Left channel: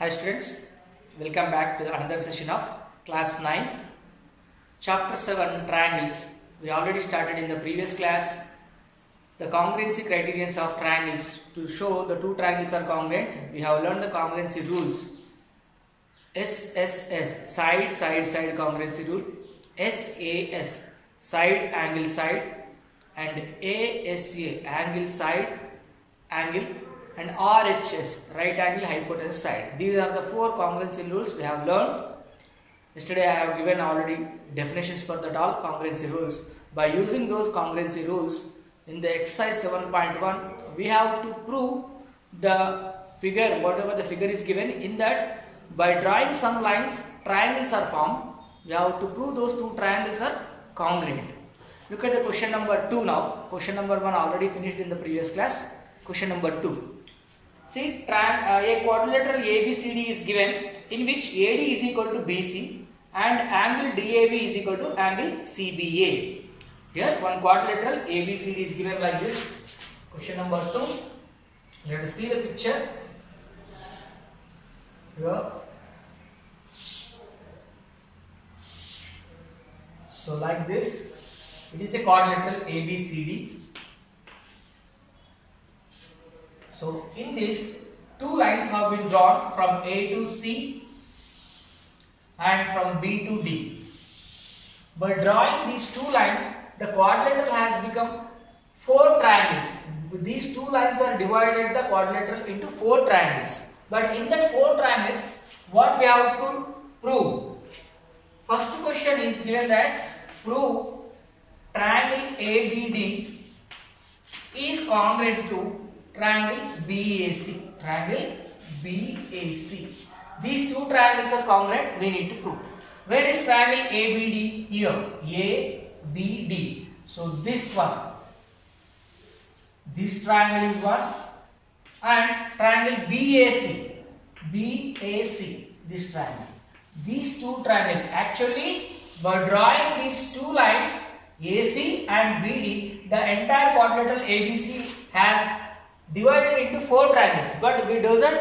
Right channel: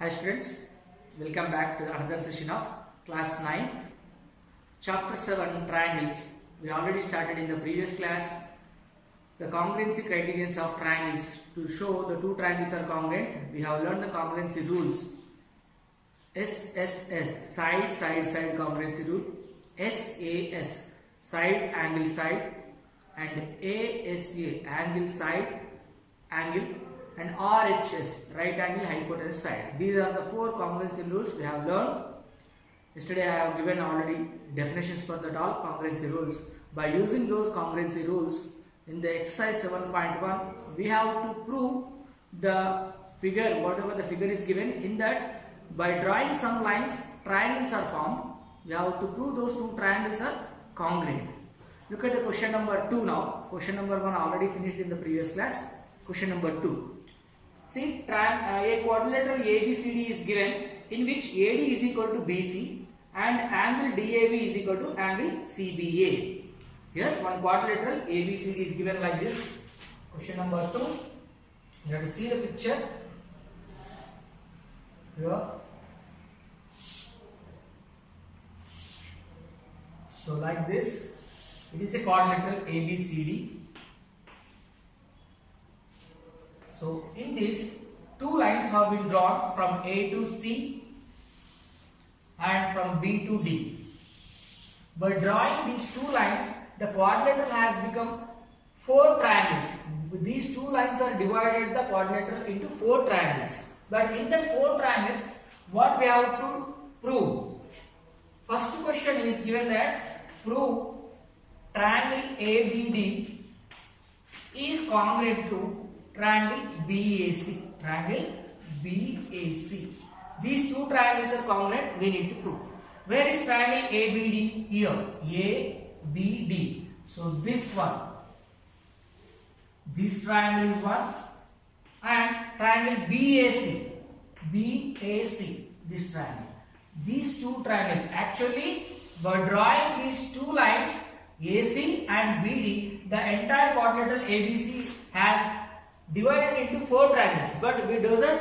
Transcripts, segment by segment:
Hi students, welcome back to another session of class 9th, chapter 7 triangles. We already started in the previous class the congruency criterions of triangles. To show the two triangles are congruent, we have learned the congruency rules. SSS, side congruency rule, SAS, side angle side, and ASA, angle side angle, and RHS, right angle hypotenuse side. These are the four congruency rules we have learned. Yesterday I have given already definitions for that all congruency rules. By using those congruency rules in the exercise 7.1, we have to prove the figure, whatever the figure is given. In that, by drawing some lines, triangles are formed. We have to prove those two triangles are congruent. Look at the question number 2 now. Question number 1 already finished in the previous class. Question number 2. See, a quadrilateral ABCD is given in which AD is equal to BC and angle DAB is equal to angle CBA. Here one quadrilateral ABCD is given like this. Question number 2. Let us see the picture. Here. So like this, it is a quadrilateral ABCD. So in this, two lines have been drawn from A to C and from B to D. By drawing these two lines, the quadrilateral has become four triangles. These two lines are divided the quadrilateral into four triangles. But in that four triangles, what we have to prove? First question is given that prove triangle ABD is congruent to triangle BAC. Triangle BAC. These two triangles are congruent, we need to prove. Where is triangle ABD? Here. ABD. So this one. This triangle is one. And triangle BAC. BAC. This triangle. These two triangles. Actually, by drawing these two lines, AC and BD, the entire quadrilateral ABC has divided into four triangles, but we doesn't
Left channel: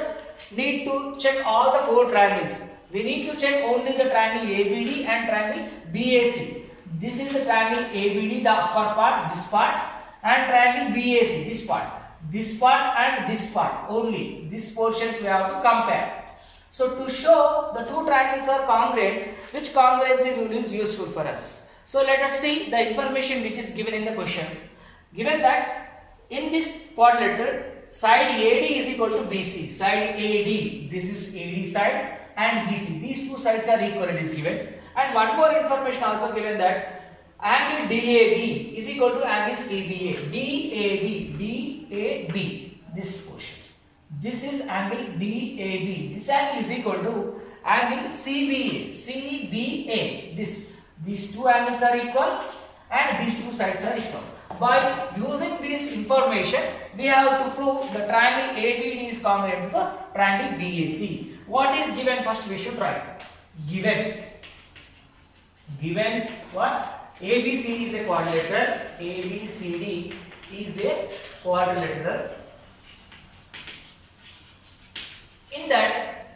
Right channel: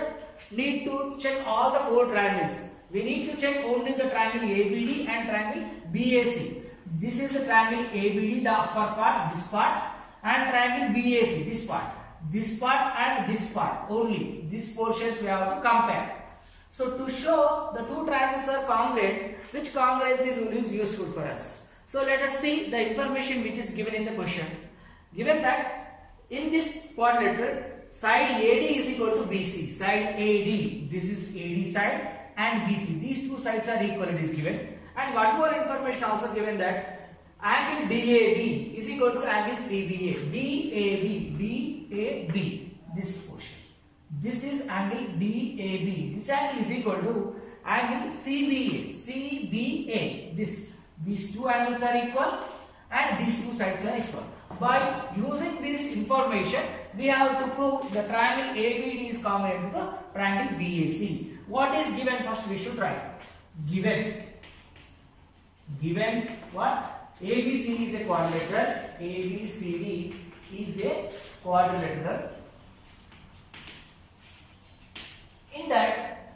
need to check all the four triangles. We need to check only the triangle ABD and triangle BAC. This is the triangle ABD, the upper part, this part, and triangle BAC, this part. This part and this part only. These portions we have to compare. So to show the two triangles are congruent, which congruency rule is useful for us? So let us see the information which is given in the question. Given that in this quadrilateral, side AD is equal to BC. Side AD, this is AD side, and BC. These two sides are equal, it is given. And one more information also given that angle DAB is equal to angle CBA. DAB, this portion. This is angle DAB. This angle is equal to angle CBA. These two angles are equal and these two sides are equal. By using this information, we have to prove the triangle ABD is congruent to the triangle BAC. What is given? First we should write. Given what? ABCD is a quadrilateral. ABCD is a quadrilateral. In that,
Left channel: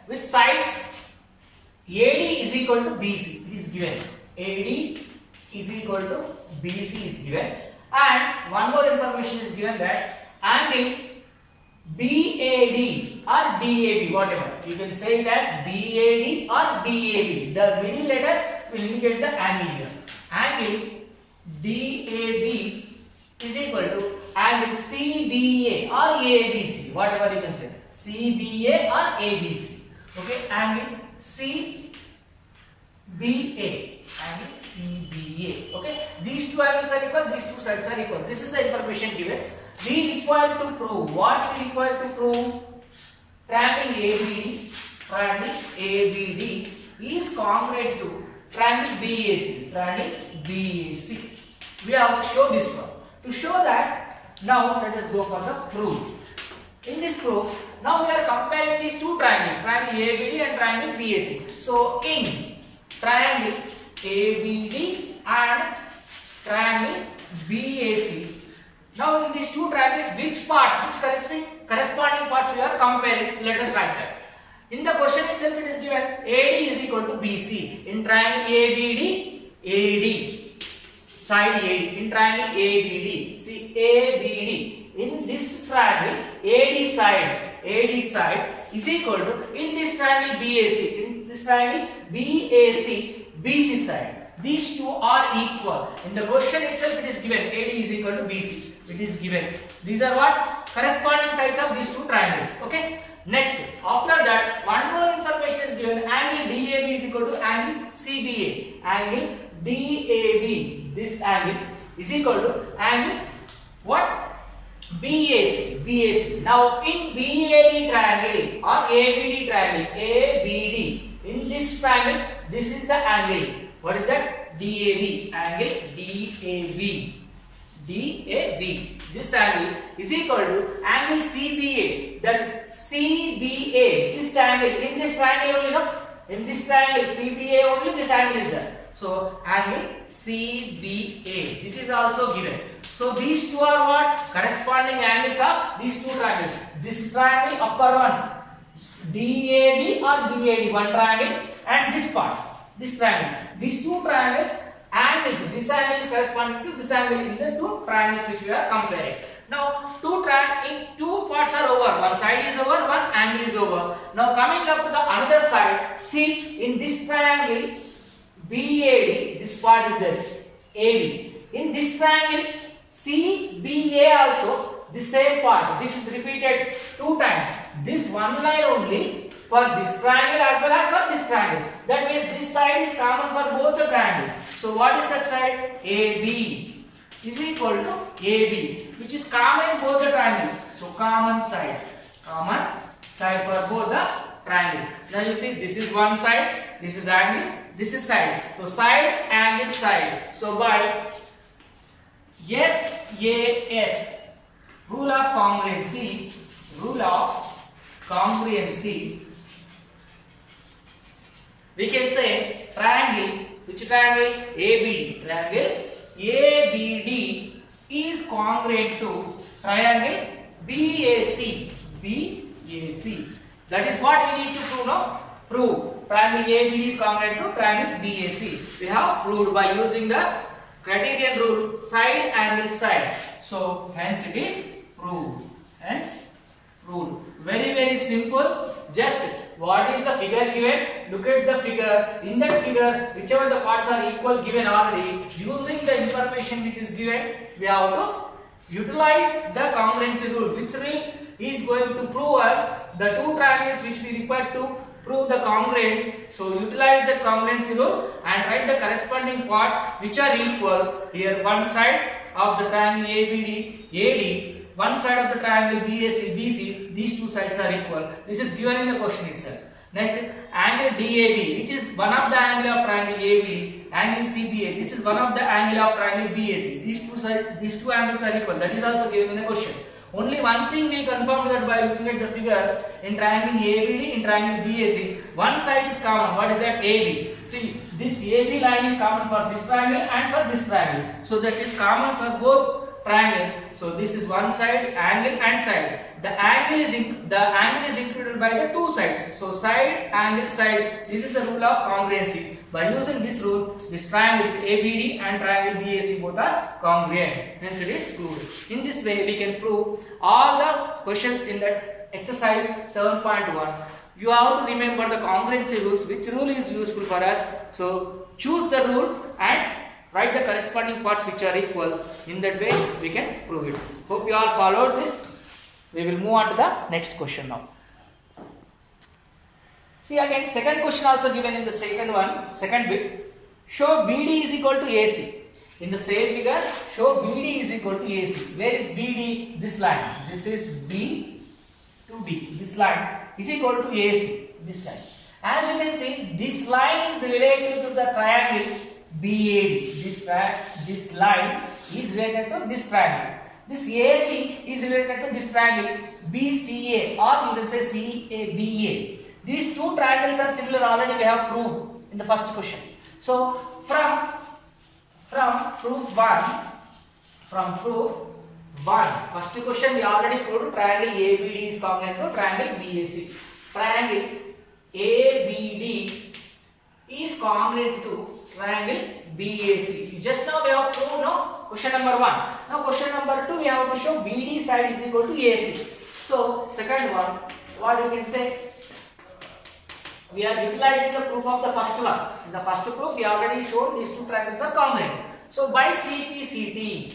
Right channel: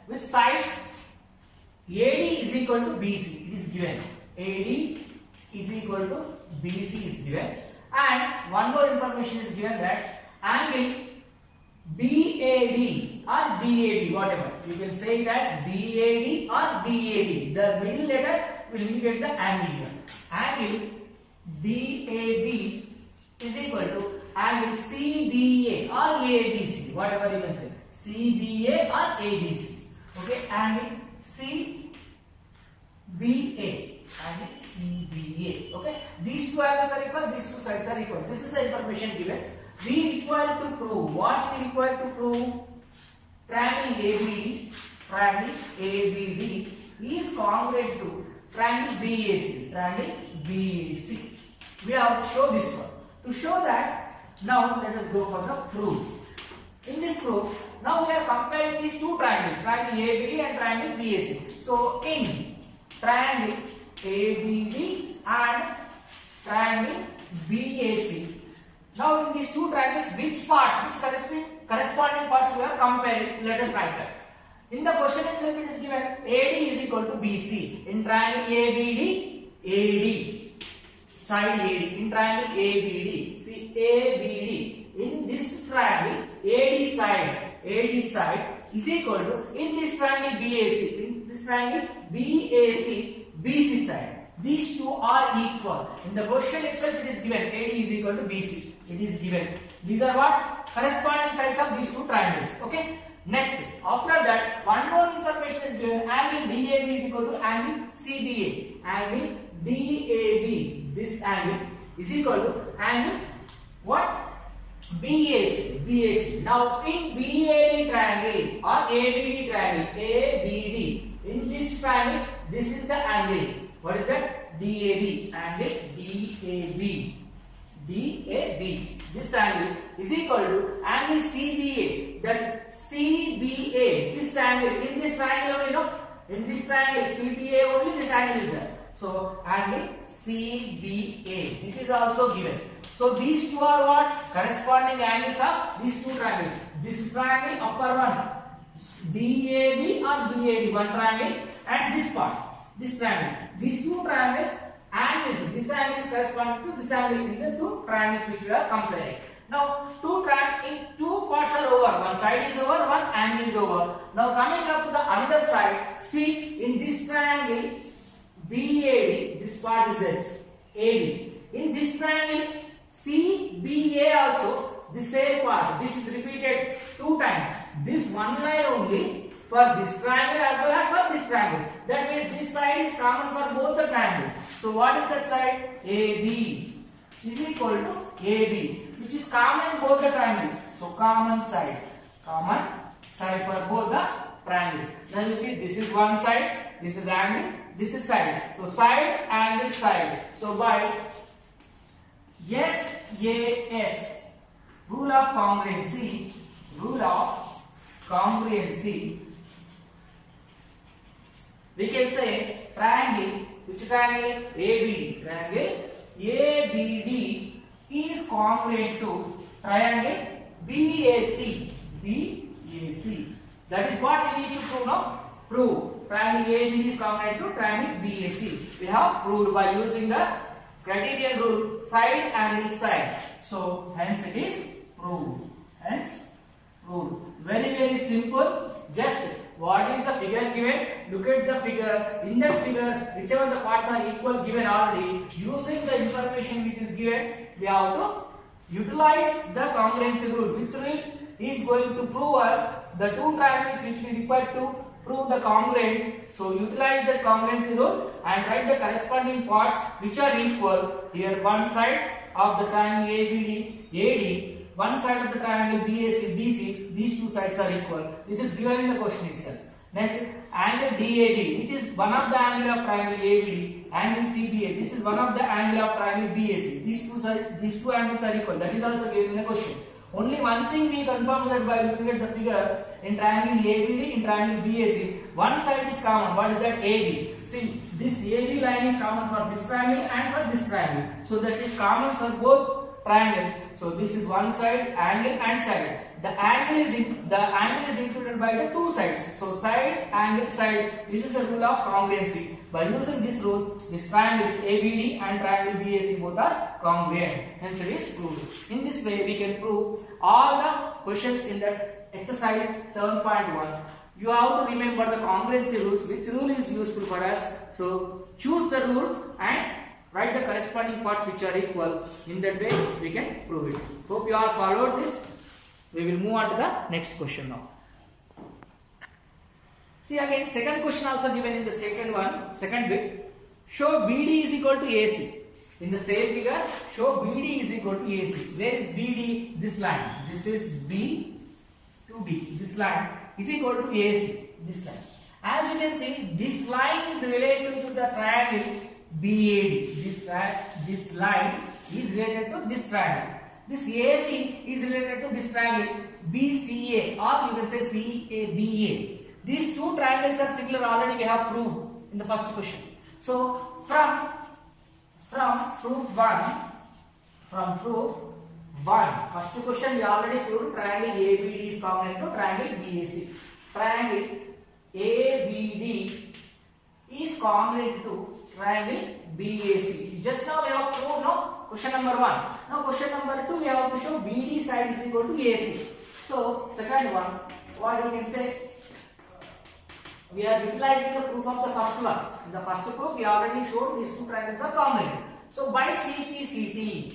with sides AD is equal to BC. It is given. AD is equal to BC is given. And one more information is given that angle BAD or DAB, whatever. You can say it as BAD or DAB. The middle letter will indicate the angle here. Angle DAB is equal to angle CBA or ABC, whatever you can say. CBA or ABC. Okay, angle CBA. Angle CBA. Okay, these two angles are equal, these two sides are equal. This is the information given. We require to prove what we require to prove? Triangle ABD is congruent to triangle BAC. Triangle BAC. We have to show this one. To show that, now let us go for the proof. In this proof, now we are comparing these two triangles, triangle ABD and triangle BAC. So in triangle ABD and triangle BAC. Now in these two triangles, which corresponding parts we are comparing? Let us write that. In the question itself it is given AD is equal to BC. In triangle ABD, AD, side AD. In triangle ABD, see ABD. In this triangle AD side is equal to, in this triangle BAC, in this triangle BAC, BC side. These two are equal. In the question itself it is given AD is equal to BC. It is given. These are what? Corresponding sides of these two triangles. Okay. Next, after that, one more information is given. Angle DAB is equal to angle CBA. Angle DAB, this angle is equal to angle what? BAC. Now in BAD triangle or ABD triangle, ABD, in this triangle, this is the angle. What is that? DAB. Angle DAB. This angle is equal to angle CBA. That CBA, this angle, in this triangle only, no? In this triangle CBA only, this angle is there. So angle CBA. This is also given. So these two are what? Corresponding angles of these two triangles. This triangle, upper one, DAB or BAD, one triangle, and this part, this triangle. These two triangles, angles, this angle is corresponding to this angle in the two triangles which we are comparing. Now two parts are over. One side is over, one angle is over. Now coming up to the another side, see in this triangle BAD, this part is there, AB. In this triangle CBA also, the same part. This is repeated two times. This one line only for this triangle as well as for this triangle. That means this side is common for both the triangles. So what is that side? AB is equal to AB, which is common in both the triangles. So common side for both the triangles. Now you see, this is one side, this is angle, this is side. So side, angle, side. So by SAS, rule of congruency, we can say triangle, which triangle? ABD. Triangle ABD is congruent to triangle BAC. That is what we need to prove now. Prove triangle ABD is congruent to triangle BAC. We have proved by using the criterion rule, side, angle, side. So hence it is proved. Very simple. Just what is the figure given? Look at the figure. In that figure, whichever the parts are equal given already, using the information which is given, we have to utilize the congruency rule. Which rule is going to prove us the two triangles which we require to prove the congruent. So utilize that congruency rule and write the corresponding parts which are equal. Here one side of the triangle ABD, AD, one side of the triangle BAC, BC, these two sides are equal. This is given in the question itself. Next, angle DAB, which is one of the angle of triangle ABD, angle CBA, this is one of the angle of triangle BAC. These two angles are equal. That is also given in the question. Only one thing we confirmed that by looking at the figure, in triangle ABD, in triangle BAC, one side is common. What is that? AB. See, this AB line is common for this triangle and for this triangle. So that is common for both triangles. So this is one side, angle and side. The angle is included by the two sides. So side, angle, side. This is the rule of congruency. By using this rule, these triangles ABD and triangle BAC both are congruent. Hence it is proved. In this way, we can prove all the questions in that exercise 7.1. You have to remember the congruency rules. Which rule is useful for us? So choose the rule and write the corresponding parts which are equal. In that way, we can prove it. Hope you all followed this. We will move on to the next question now. See again, second question also given in the second bit. Show BD is equal to AC. In the same figure, show BD is equal to AC. Where is BD? This line. This is B to D. This line is equal to AC. This line. As you can see, this line is related to the triangle BAD. This line is related to this triangle. This AC is related to this triangle BCA, or you can say CABA. These two triangles are similar. Already we have proved in the first question. So from proof one, first question we already proved triangle ABD is congruent to triangle BAC. Triangle ABD is congruent to triangle BAC. Just now we have proved, no, question number 1. Now question number 2 we have to show BD side is equal to AC. So second one, what you can say, we are utilizing the proof of the first one. In the first proof we already showed these two triangles are congruent. So by CPCT,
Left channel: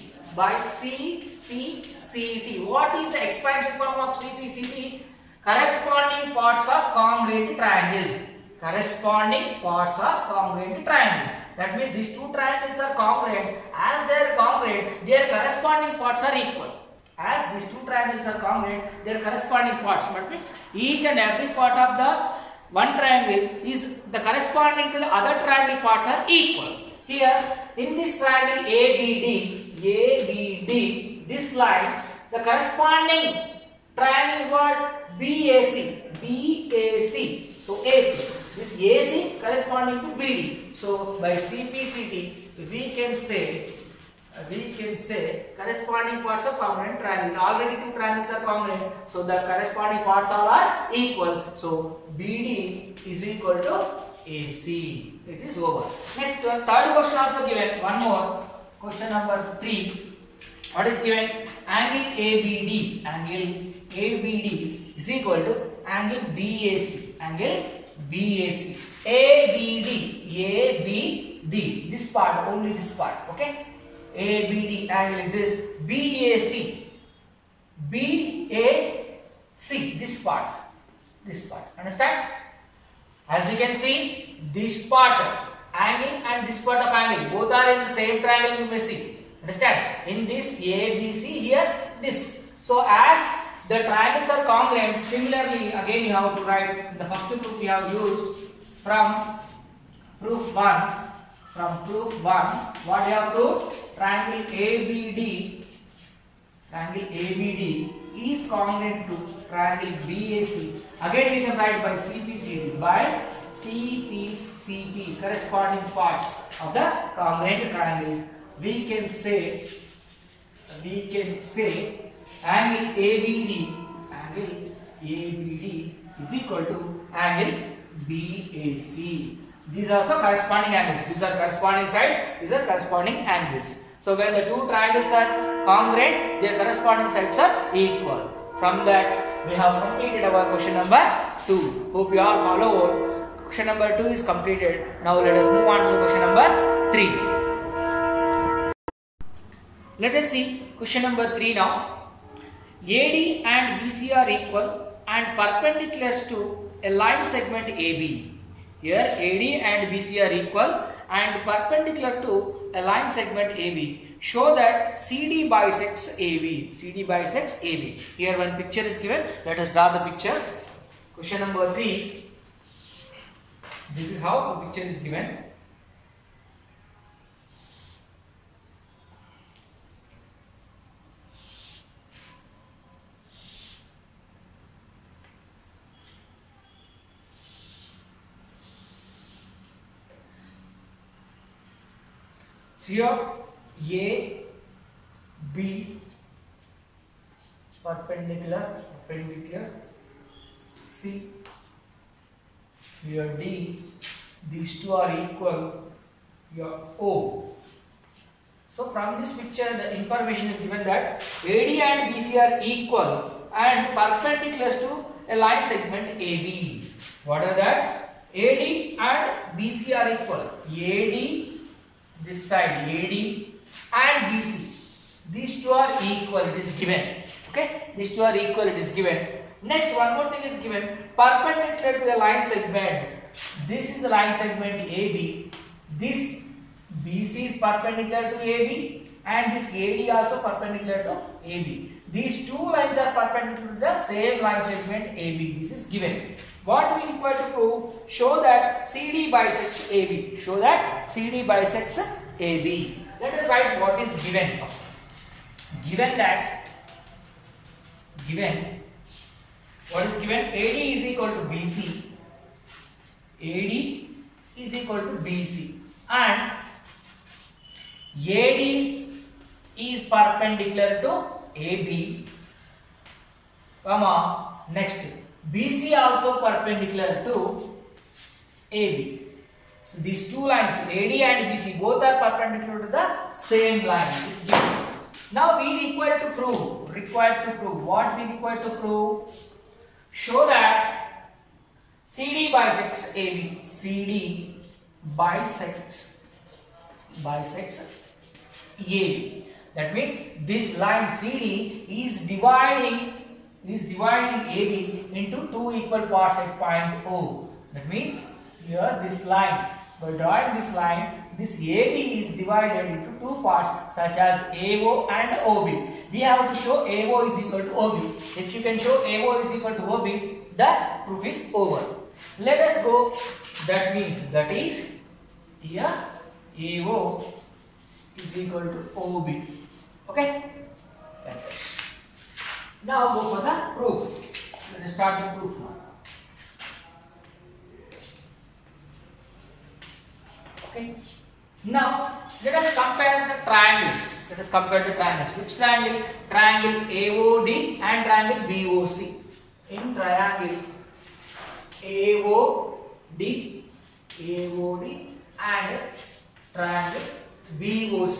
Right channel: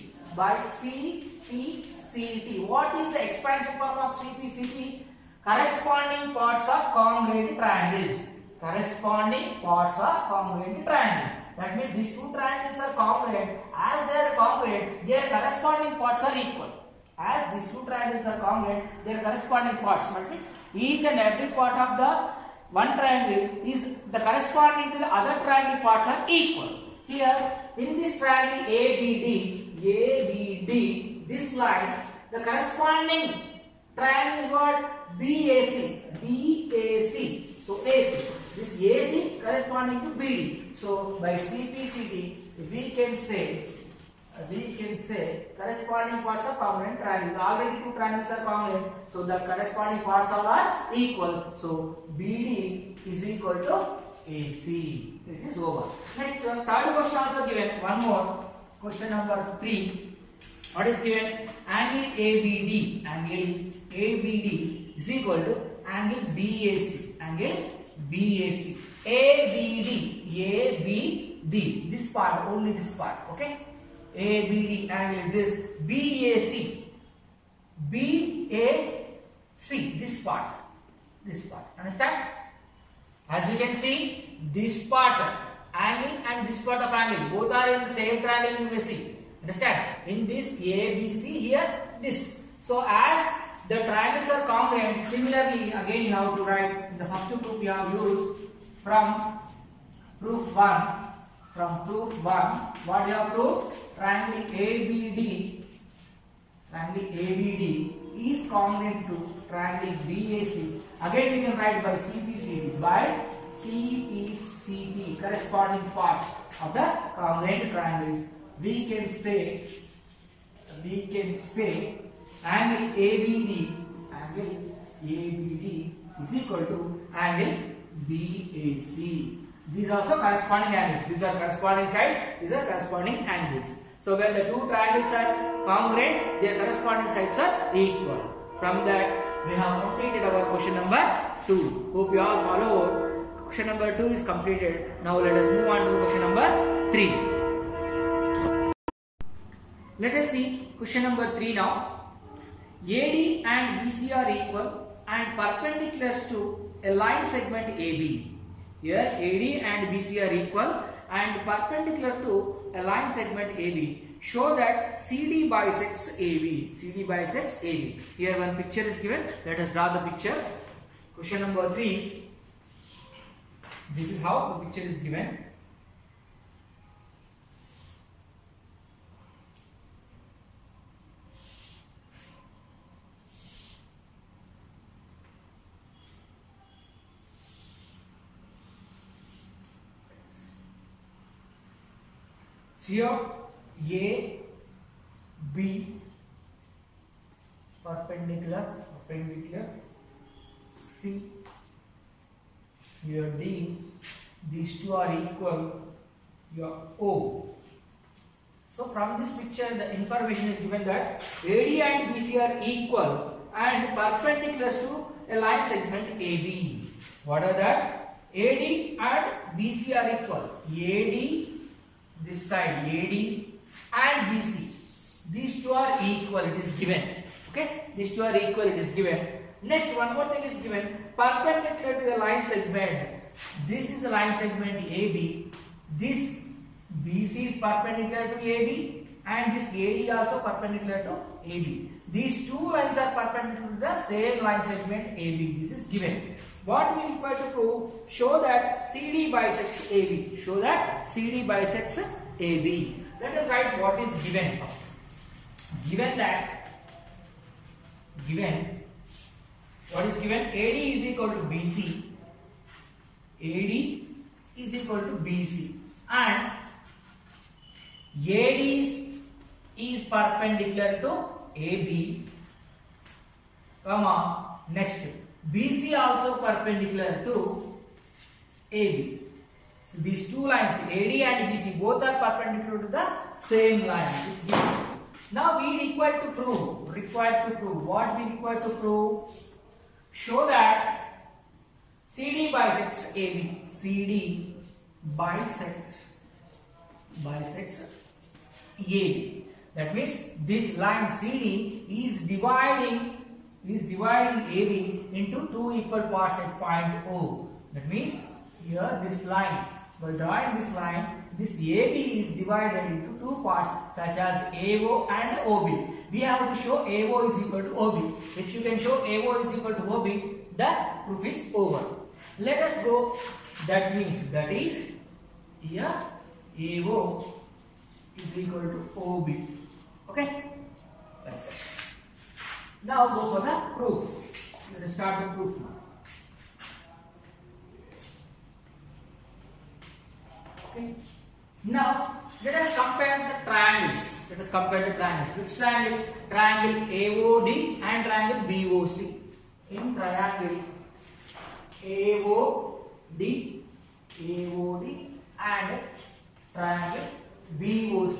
what is the expansion form of CPCT? Corresponding parts of congruent triangles. Corresponding parts of congruent triangles. That means these two triangles are congruent. As they are congruent, their corresponding parts are equal. As these two triangles are congruent, their corresponding parts. That means each and every part of the one triangle is the corresponding to the other triangle parts are equal. Here in this triangle ABD, this line, the corresponding triangle is what? BAC. So AC. This AC corresponding to BD. So by CPCT we can say corresponding parts of congruent triangles. Already two triangles are congruent, so the corresponding parts all are equal. So BD is equal to AC. It is over. Next, the third question also given. One more. Question number 3. What is given? Angle ABD. Angle ABD is equal to angle BAC. Angle BAC. ABD. This part, only this part. Okay. ABD angle is this. BAC. This part. Understand? As you can see, this part angle and this part of angle both are in the same triangle you may see. Understand? In this ABC, here this. So as the triangles are congruent, similarly again you have to write in the first proof we have used from proof 1. What you have proved? Triangle ABD is congruent to triangle BAC. Again we can write by CPCT. Corresponding parts of the congruent triangles. We can say angle ABD is equal to angle BAC. These are also corresponding angles. These are corresponding sides. These are corresponding angles. So when the two triangles are congruent, their corresponding sides are equal. From that, we have completed our question number 2. Hope you all follow. Question number 2 is completed. Now let us move on to the question number 3. Let us see question number 3 now. AD and BC are equal and perpendicular to a line segment AB. Here AD and BC are equal and perpendicular to a line segment AB. Show that CD bisects AB. Here one picture is given. Let us draw the picture. Question number 3. This is how the picture is given. Here A, B perpendicular, C. Here D, these two are equal. Here O. So from this picture, the information is given that AD and BC are equal and perpendicular to a line segment AB. What are that? AD and BC are equal. AD, this side AD and BC, these two are equal, it is given. Okay, these two are equal, it is given. Next, one more thing is given, perpendicular to the line segment. This is the line segment AB. This BC is perpendicular to AB and this AD also perpendicular to AB. These two lines are perpendicular to the same line segment AB. This is given. What we require to prove? Show that CD bisects AB. Show that CD bisects AB. Let us write what is given first. What is given? AD is equal to BC. AD is equal to BC. And AD is perpendicular to AB. Next, BC also perpendicular to AB. So these two lines AD and BC both are perpendicular to the same line. Is given. Now we require to prove. What we require to prove? Show that CD bisects AB. CD bisects AB. That means this line CD is dividing AB into two equal parts at point O. That means here this line, by drawing this line, this AB is divided into two parts such as AO and OB. We have to show AO is equal to OB. If you can show AO is equal to OB, the proof is over. Let us go. That means that is here AO is equal to OB. Okay. Now go for the proof. Let us start the proof now. Okay. Now let us compare the triangles. Which triangle? Triangle AOD and triangle BOC. In triangle AOD and triangle BOC.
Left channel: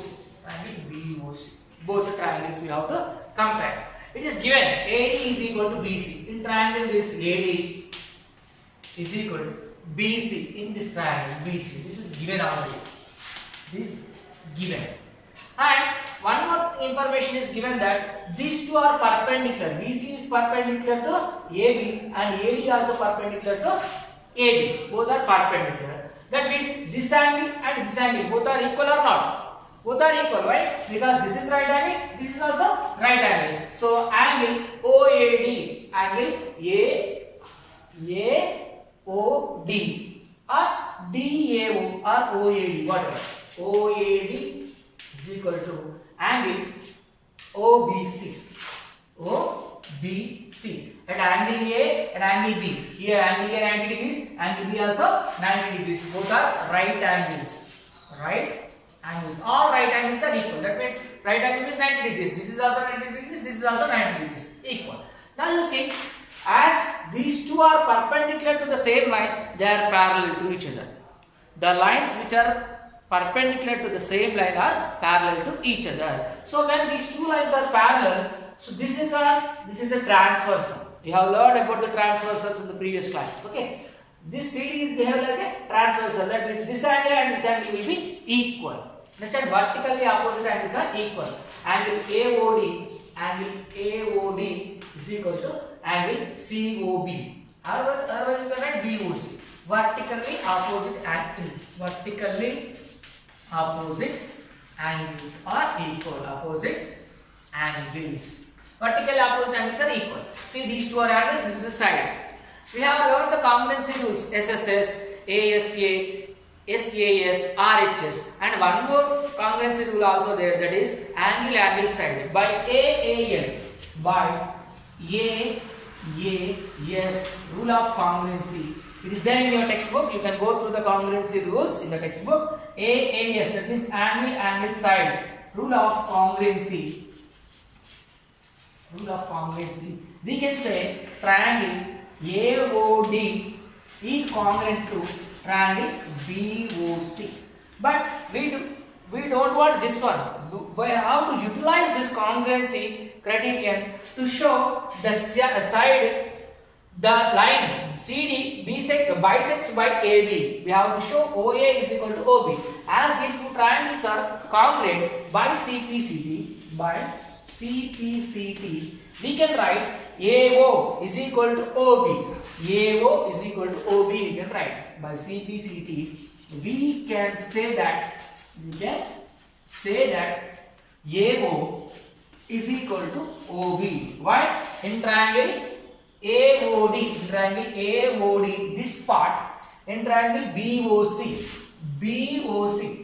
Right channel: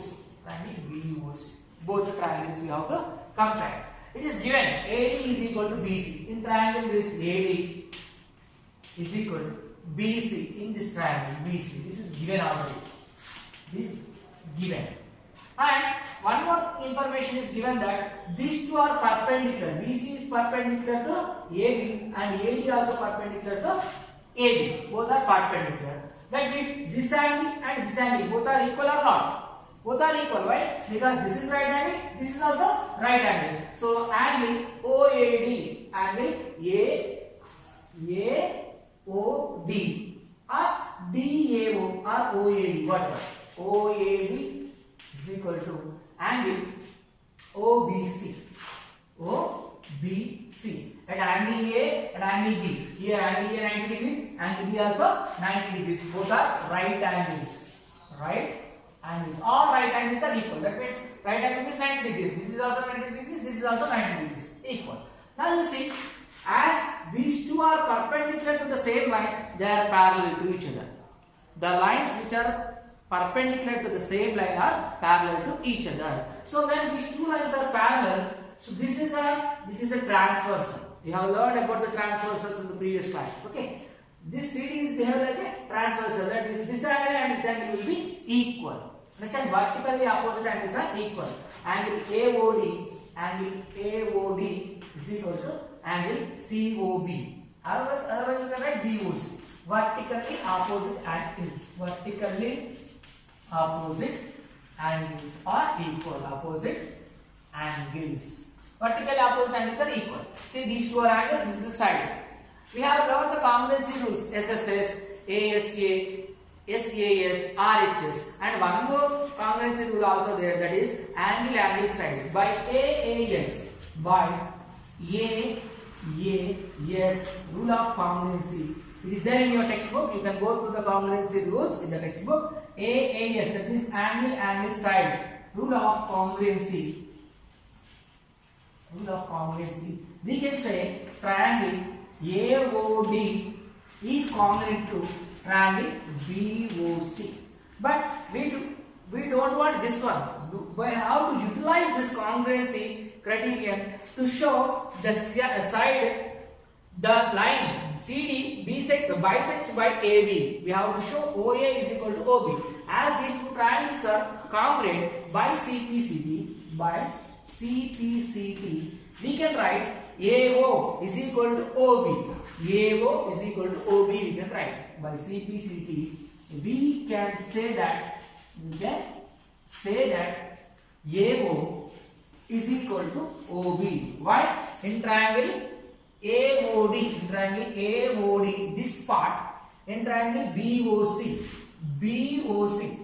Both the triangles we have to compare. It is given AD is equal to BC. In triangle this AD is equal to BC. In this triangle BC. This is given already. And one more information is given that these two are perpendicular. BC is perpendicular to AB and AD also perpendicular to AB. Both are perpendicular. That means this angle and this angle both are equal or not? Both are equal. Why? Because this is right angle, this is also right angle. So angle OAD, angle AOD or DAO or OAD, whatever. OAD is equal to angle OBC. At angle A and angle B. Here angle A 90 degrees, angle B also 90 degrees. Both are right angles. All right angles are equal. That means right angle is 90 degrees. This is also 90 degrees. This is also 90 degrees. Equal. Now you see, as these two are perpendicular to the same line, they are parallel to each other. The lines which are perpendicular to the same line are parallel to each other. So when these two lines are parallel, so this is a transversal. You have learned about the transversals in the previous class. Okay. This CD is behave like a transversal. That means this angle and this angle will be equal. Understand? Vertically opposite angles are equal. Angle AOD is equal to angle COB. Or you can write BOC. Vertically opposite angles. Vertically opposite angles are equal. Vertically opposite angles are equal. See, these two are angles. This is the side. We have learned the congruency rules SSS, ASA, SAS, RHS, and one more congruency rule also there, that is angle side. By AAS, rule of congruency. It is there in your textbook. You can go through the congruency rules in the textbook. AAS, that means angle side. Rule of congruency. We can say triangle AOD is congruent to triangle BOC. But we don't want this one. By how to utilize this congruency criterion to show the side, the line CD bisects by AB. We have to show OA is equal to OB. As these two triangles are congruent by CPCT, we can write AO is equal to OB. AO is equal to OB. We can write by CPCT. We can say that AO is equal to OB. Why? In triangle AOD, this part. In triangle BOC,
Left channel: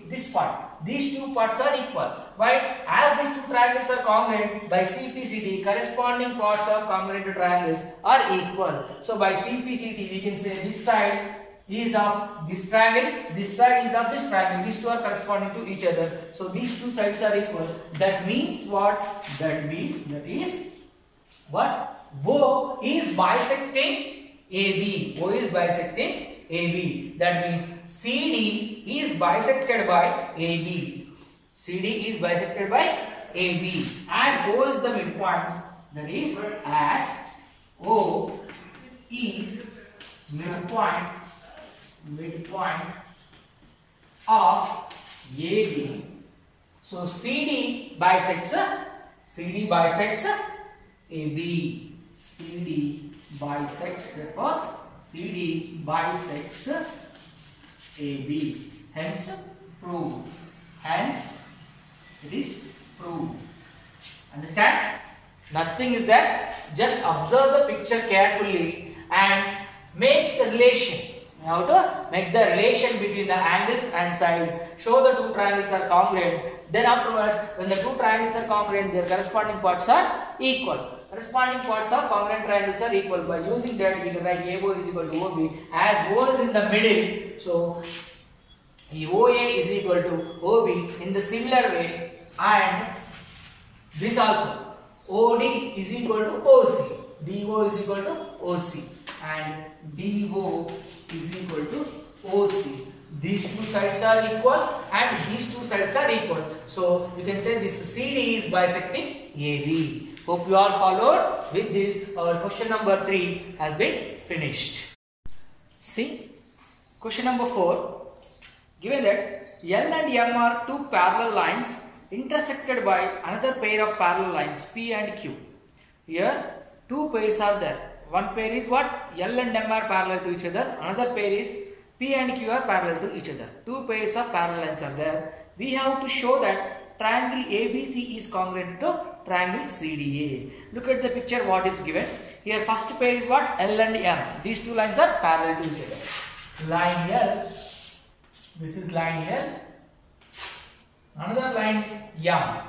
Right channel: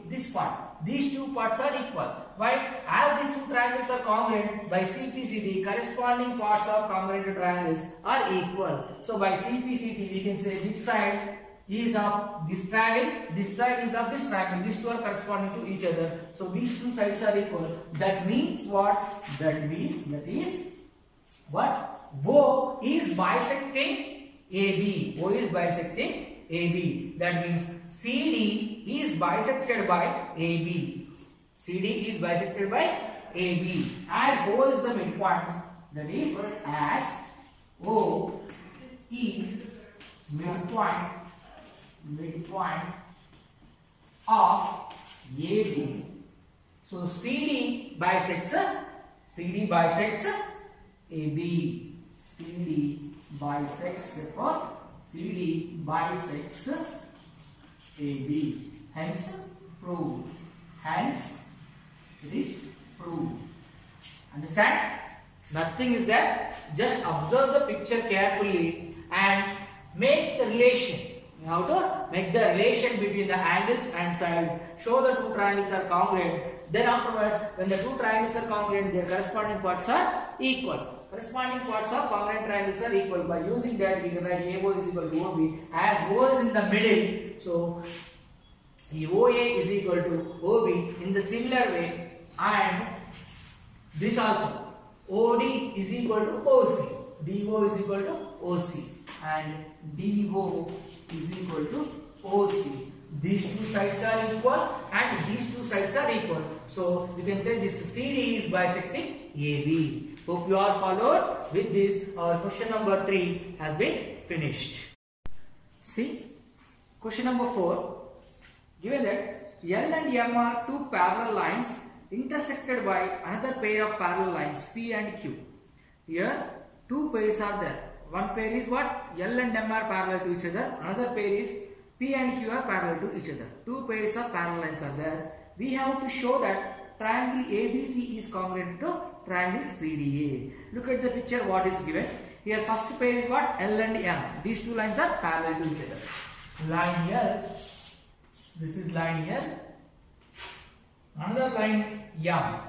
this part. These two parts are equal. Why? As these two triangles are congruent, by CPCT, corresponding parts of congruent triangles are equal. So by CPCT, we can say this side is of this triangle, this side is of this triangle. These two are corresponding to each other. So these two sides are equal. That means what? That is what? O is bisecting AB. O is bisecting AB. That means CD is bisected by AB. CD is bisected by AB. As O is the midpoint, that is as O is midpoint of AB. So CD bisects AB. CD bisects, therefore CD bisects AB. Hence proved. Hence it is proved. Understand? Nothing is there. Just observe the picture carefully and make the relation. You have to make the relation between the angles and side. Show the two triangles are congruent. Then afterwards, when the two triangles are congruent, their corresponding parts are equal. Corresponding parts of congruent triangles are equal. By using that, we can write AO is equal to OB. As O is in the middle, so OA is equal to OB in the similar way, and this also OD is equal to OC, DO is equal to OC, and DO is equal to OC. These two sides are equal and these two sides are equal. So you can say this CD is bisecting AB. Hope you all followed. With this, our question number 3 has been finished. See, question number 4. Given that L and M are two parallel lines intersected by another pair of parallel lines P and Q. Here two pairs are there. One pair is what? L and M are parallel to each other. Another pair is P and Q are parallel to each other. Two pairs of parallel lines are there. We have to show that triangle ABC is congruent to triangle CDA. Look at the picture what is given. Here first pair is what? L and M. These two lines are parallel to each other. Line L. This is line L. Another line is M.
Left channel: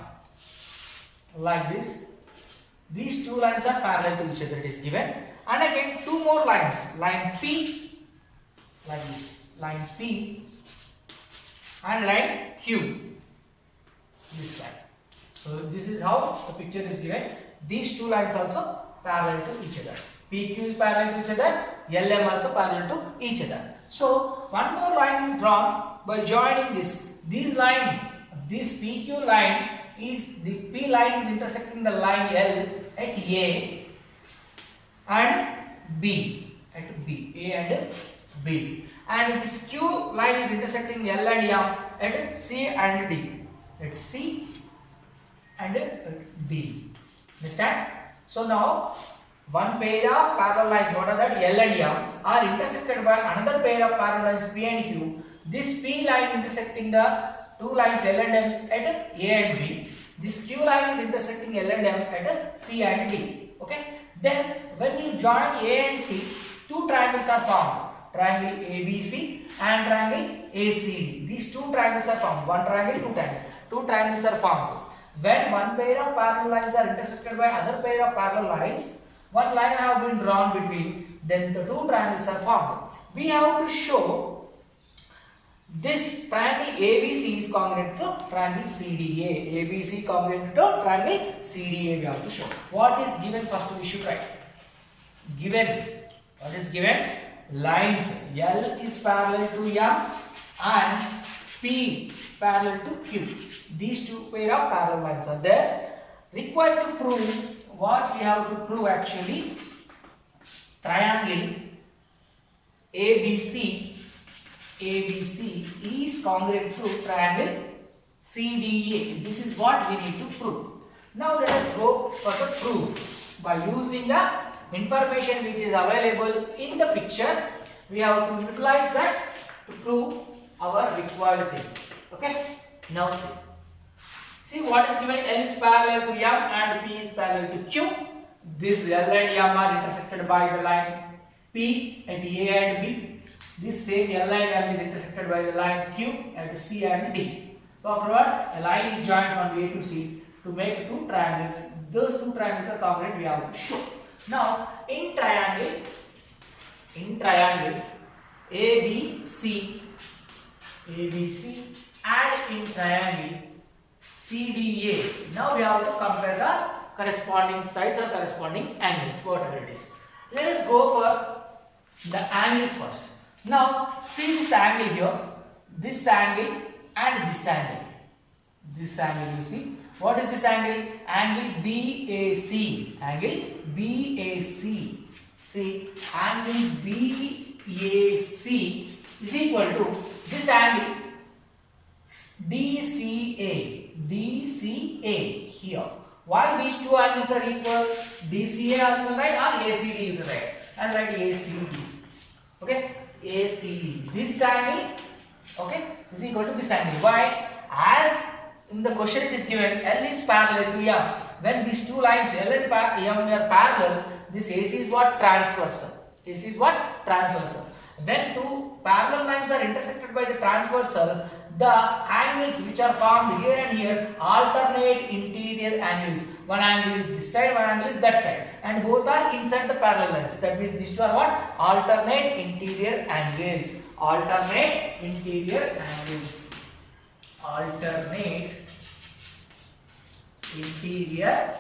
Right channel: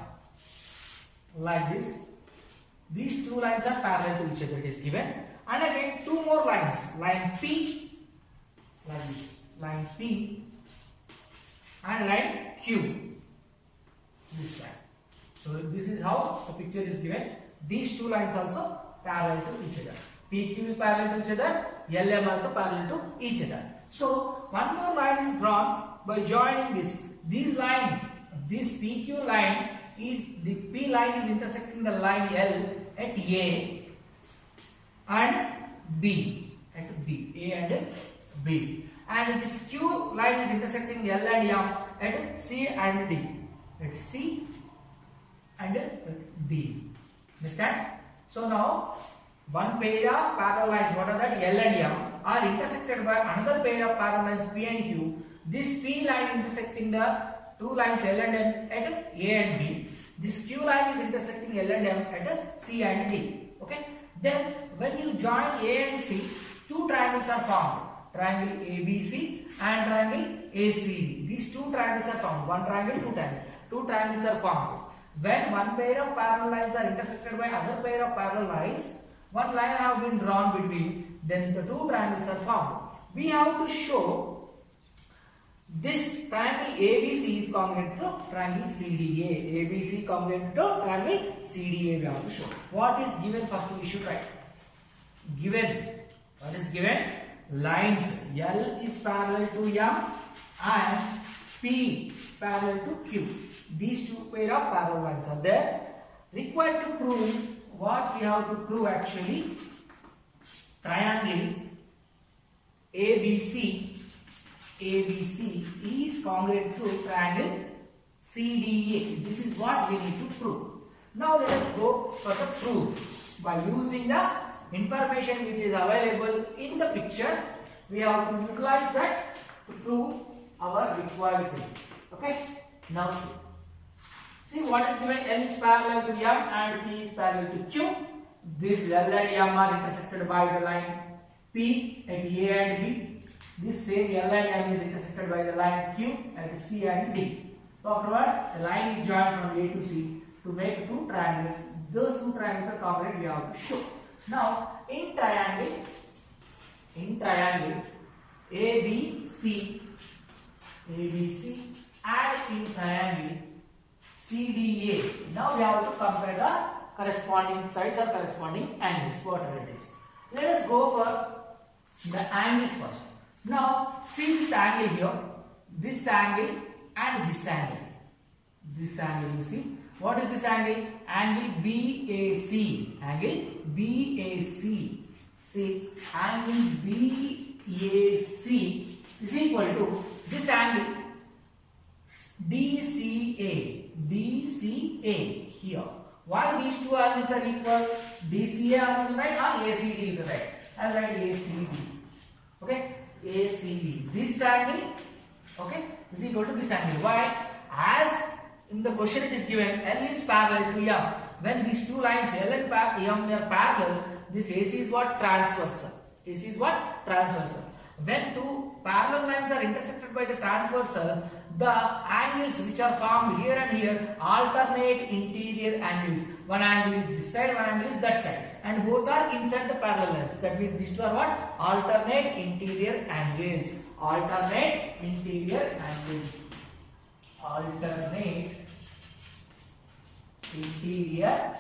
Like this. These two lines are parallel to each other. It is given. And again two more lines. Line P. Like this. Line P. And line Q. This side. So this is how the picture is given. These two lines also parallel to each other. PQ is parallel to each other. LM also parallel to each other. So one more line is drawn by joining this. This PQ line is, the P line is intersecting the line L at A and B. At B. A and B. And this Q line is intersecting L and M at C and D. At C and D. Understand? So now one pair of parallel lines, what are that? L and M are intersected by another pair of parallel lines P and Q. This P line intersecting the two lines L and M at A and B. This Q line is intersecting L and M at C and D. Okay. Then when you join A and C, two triangles are formed. Triangle ABC and triangle ACD. These two triangles are formed. One triangle, two triangles. Two triangles are formed. When one pair of parallel lines are intersected by another pair of parallel lines, one line have been drawn between, then the two triangles are formed. We have to show this triangle ABC is congruent to triangle CDA. ABC congruent to triangle CDA we have to show. What is given first we should write? Given. What is given? Lines L is parallel to M and P parallel to Q. These two pair of parallel lines are there. Required to prove what we have to prove actually. Triangle ABC is congruent to triangle CDA. This is what we need to prove. Now let us go for the proof. By using the information which is available in the picture, we have to utilize that to prove our required thing. Okay. Now see what is given. L is parallel to M and P is parallel to Q. This L and M are intersected by the line P at A and B. This same L and M is intersected by the line Q at C and D. So afterwards, a line is joined from A to C to make two triangles. Those two triangles are congruent. We have to show. Now in triangle ABC and in triangle CDA. Now we have to compare the corresponding sides or corresponding angles, whatever it is. Let us go for the angles first. Now see this angle here, this angle and this angle. This angle you see. What is this angle? Angle BAC. Angle BAC. See, angle BAC is equal to this angle DCA. DCA here. Why these two angles are equal? DCA on the right or ACD on the right? I'll write ACD. Okay, ACD. This angle, okay, is equal to this angle. Why? As in the question it is given, L is parallel to M. When these two lines L and M are parallel, this AC is what? Transversal. AC is what? Transversal. When two parallel lines are intersected by the transversal, the angles which are formed here and here alternate interior angles. One angle is this side, one angle is that side, and both are inside the parallel lines. That means these two are what? Alternate interior angles. Alternate interior angles. Alternate interior.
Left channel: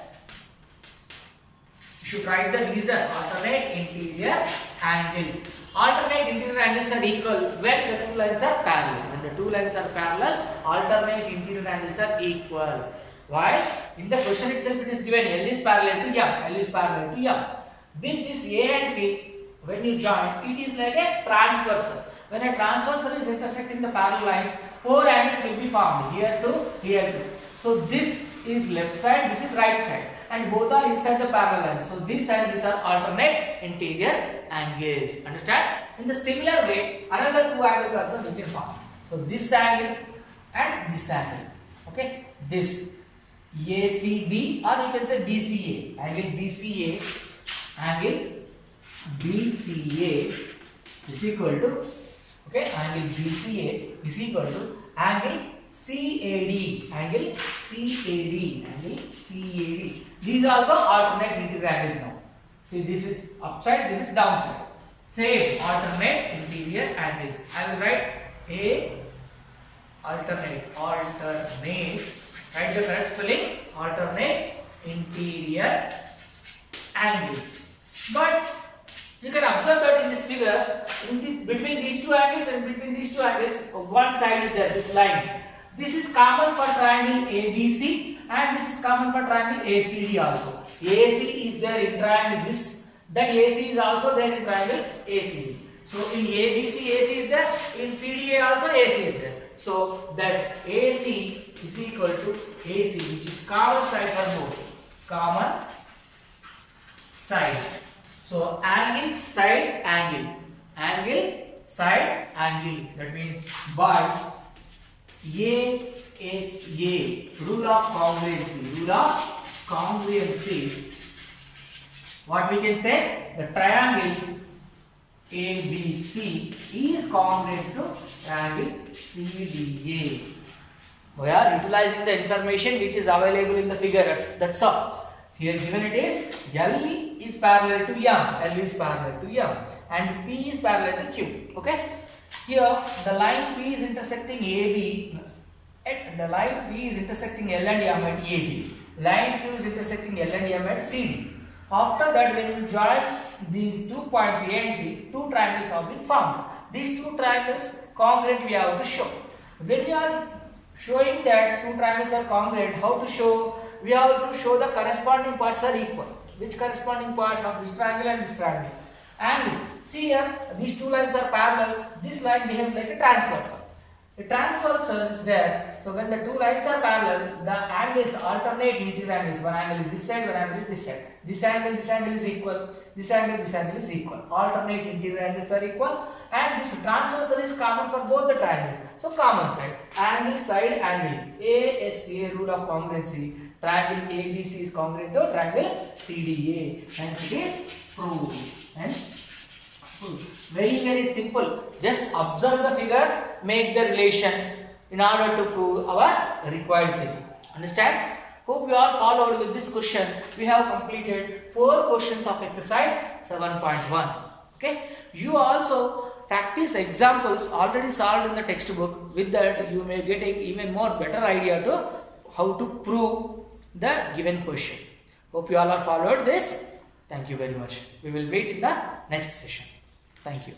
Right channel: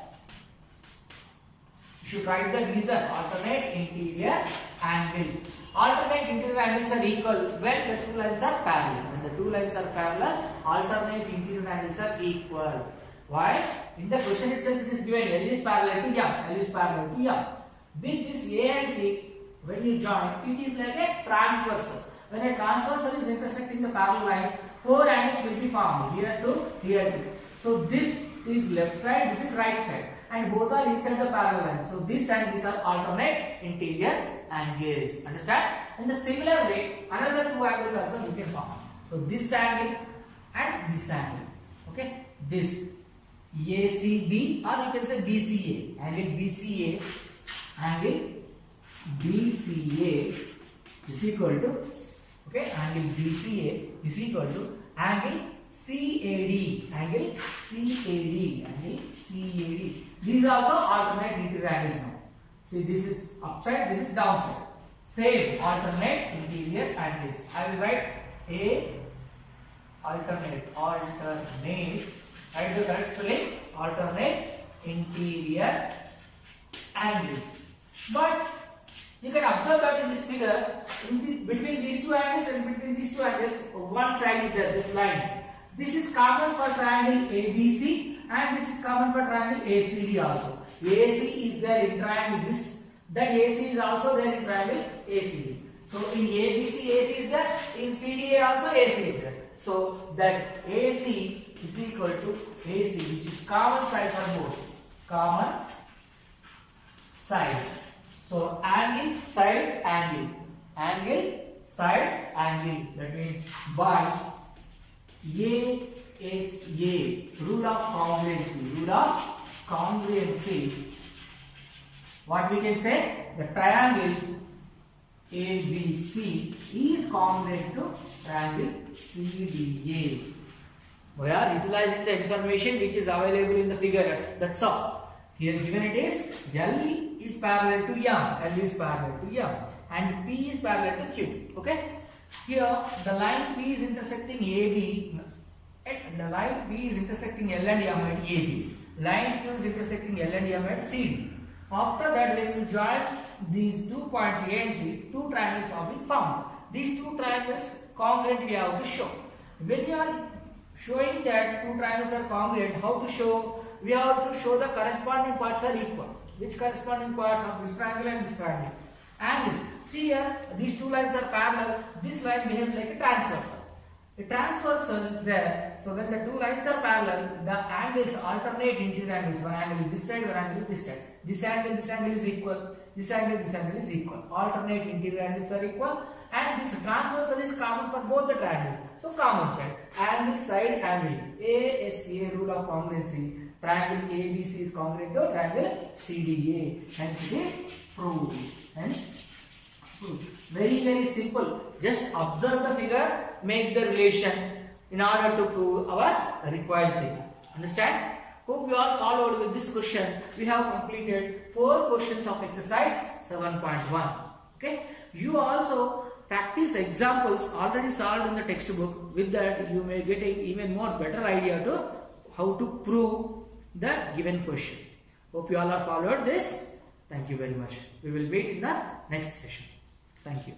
You should write the reason. Alternate interior angles. Alternate interior angles are equal when the two lines are parallel. When the two lines are parallel, alternate interior angles are equal. Why? In the question itself it is given L is parallel to M. L is parallel to M. With this A and C, when you join, it is like a transversal. When a transversal is intersecting the parallel lines, four angles will be formed. Here to here to. So this is left side, this is right side, and both are inside the parallel lines. So this and this are alternate interior angles. Understand? In the similar way, another two angles also we can form. So this angle and this angle. Okay, this ACB, or you can say BCA. Angle BCA, angle BCA is equal to, okay, angle BCA is equal to angle CAD. Angle CAD. Angle CAD. These are also alternate interior angles now. See, this is upside, this is downside. Same alternate interior angles. I will write A alternate. Write the correct spelling. Alternate interior angles. But you can observe that in this figure, between these two angles and between these two angles, one side is there, this line. This is common for triangle ABC and this is common for triangle ACD also. AC is there in triangle this, that AC is also there in triangle ACD. So in ABC, AC is there, in CDA also AC is there. So that AC is equal to AC, which is common side for both. Common side. So angle, side, angle. Angle, side, angle. That means by ASA, rule of congruency. Rule of congruency. What we can say? The triangle ABC is congruent to triangle CDA. We are utilizing the information which is available in the figure. That's all. Here given it is L is parallel to M. L is parallel to M. And P is parallel to Q. Okay. Here the line P is intersecting AB. The line P is intersecting L and M at AB. Line Q is intersecting L and M at CD. After that, when you join these 2 points A and C, two triangles have been formed. These two triangles congruent we have to show. When you are showing that two triangles are congruent, how to show? We have to show the corresponding parts are equal. Which corresponding parts of this triangle and this triangle? And see here, these two lines are parallel. This line behaves like a transversal. The transversal is there. So when the two lines are parallel, the angles alternate interior angles. One angle is this side, one angle is this side. This angle is equal. This angle is equal. Alternate interior angles are equal. And this transversal is common for both the triangles. So common side. Angle, side, angle. ASA, rule of congruency. Triangle ABC is congruent to triangle CDA. Hence it is proved. Hence proved. Very, very simple. Just observe the figure, make the relation in order to prove our required theory. Understand? Hope you all followed with this question. We have completed 4 questions of exercise 7.1. Okay. You also practice examples already solved in the textbook. With that, you may get an even more better idea to how to prove the given question. Hope you all have followed this. Thank you very much. We will wait in the next session. Thank you.